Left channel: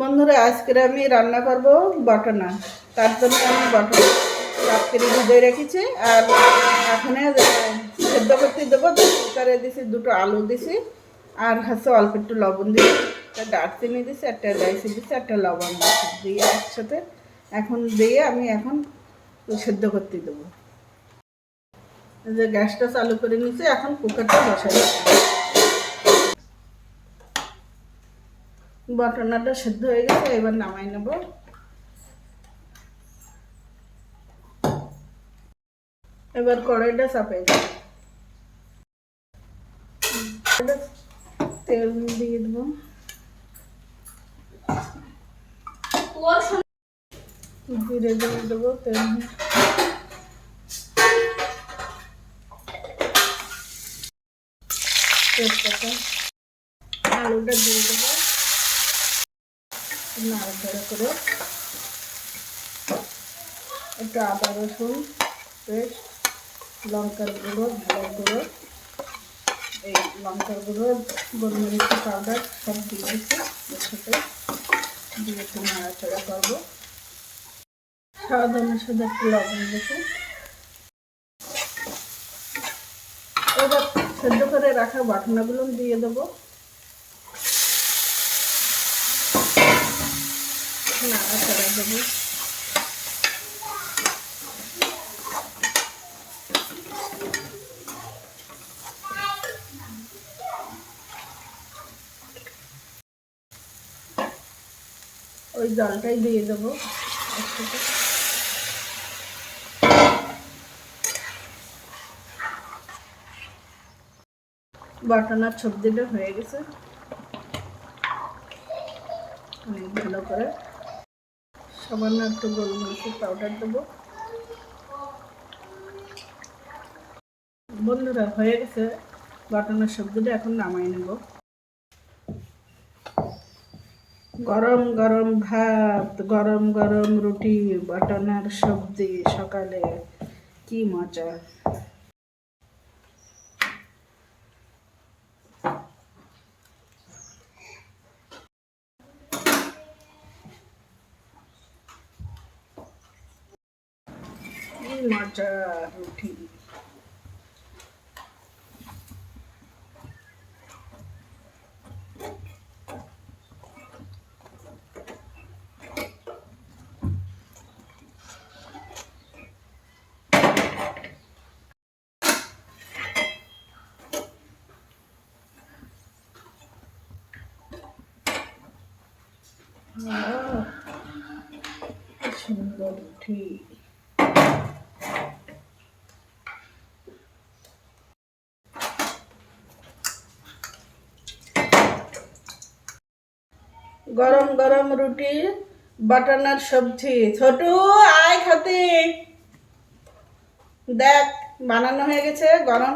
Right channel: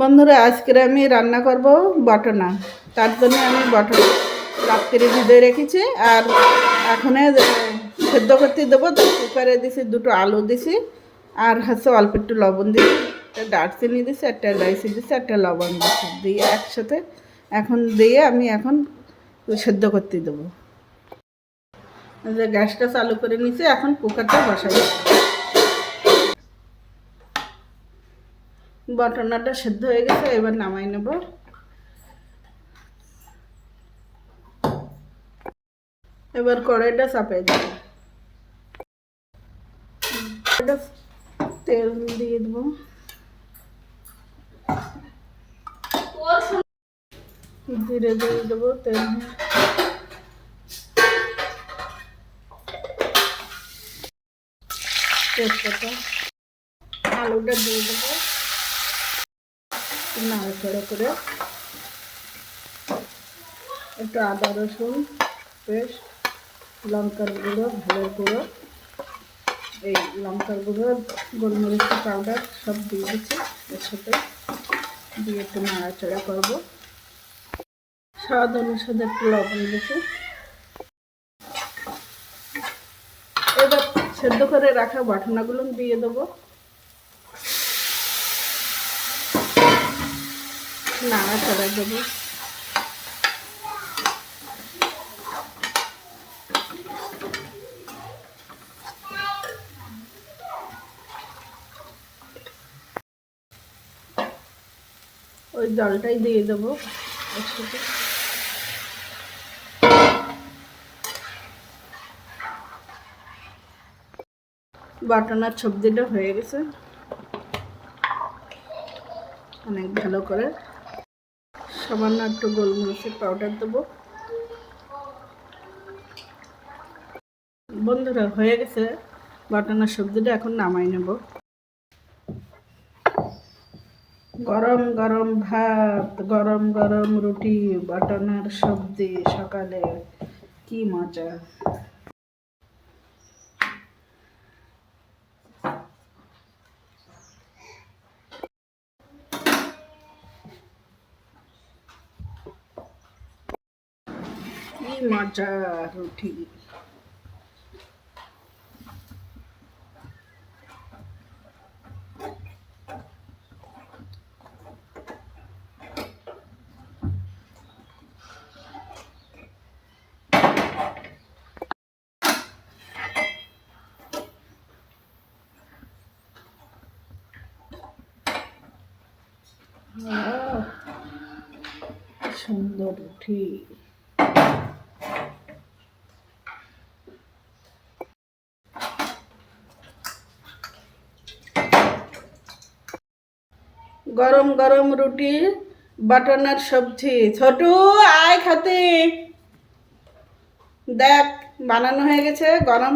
বন্ধুরা, আজকে আমি রান্না করব বটনা। তার জন্য আমি বটনা রাত্রে ভিজিয়ে রেখেছি আর এখন সেদ্ধ করতে দেবো। কুকারে দিছি, দুটো আলু দিছি আর হচ্ছে অল্প একটু লবণ দিছি, একটা দারচিনি দিছি, একটা এলাইচি দিছি, একটা লবণ দিছি, দিয়ে একসাথে এখন দিয়ে আমি এখন সেদ্ধ করতে দেবো। যে গ্যাসটা চালু করে নিয়েছি, এখন কুকারটা বসাই। বটনাটা সেদ্ধ হয়ে গেছে, এবার নামাই নেব। এবার কড়াইটা চাপাই দেব, তেল দিয়ে দেবো, জিরে দিয়ে দেবো, তেল তেজপাতা, আলুটা দিয়ে দেবো, নাড়াচাড়া করে একটু আদা রসুন পেস্ট, লঙ্কার গুঁড়ো, ভালো গুঁড়ো, এই লঙ্কার গুঁড়ো, গোলমরিচ পাউডার সব দিয়ে দিচ্ছি। এর সাথে দিয়ে একটু নাড়াচাড়া করবো। স্বাদ অনুসারে একটু লবণ দিচ্ছি। এবার সেদ্ধ করে রাখা বাটনাগুলো দিয়ে দেবো, নাড়াচাড়া দেবো। ওই জলটাই দিয়ে দেবো একসাথে। বাটনার সবজিটা হয়ে গেছে অনেক ভালো করে। সামান্য একটু গোলমরিচের পাউডার দেবো। বন্ধুরা, হয়ে গেছে বাটনার সবজিটা, এখন নামাই নেব। গরম গরম ভাত, গরম গরম রুটি, বাটনার সবজি, সকালে কি মজা। কি মজা রুটি। সুন্দর রুটি। গরম গরম রুটি, বাটনার সবজি। ছোটু আয় খাতে, দেখ বানানো হয়ে গেছে। গরম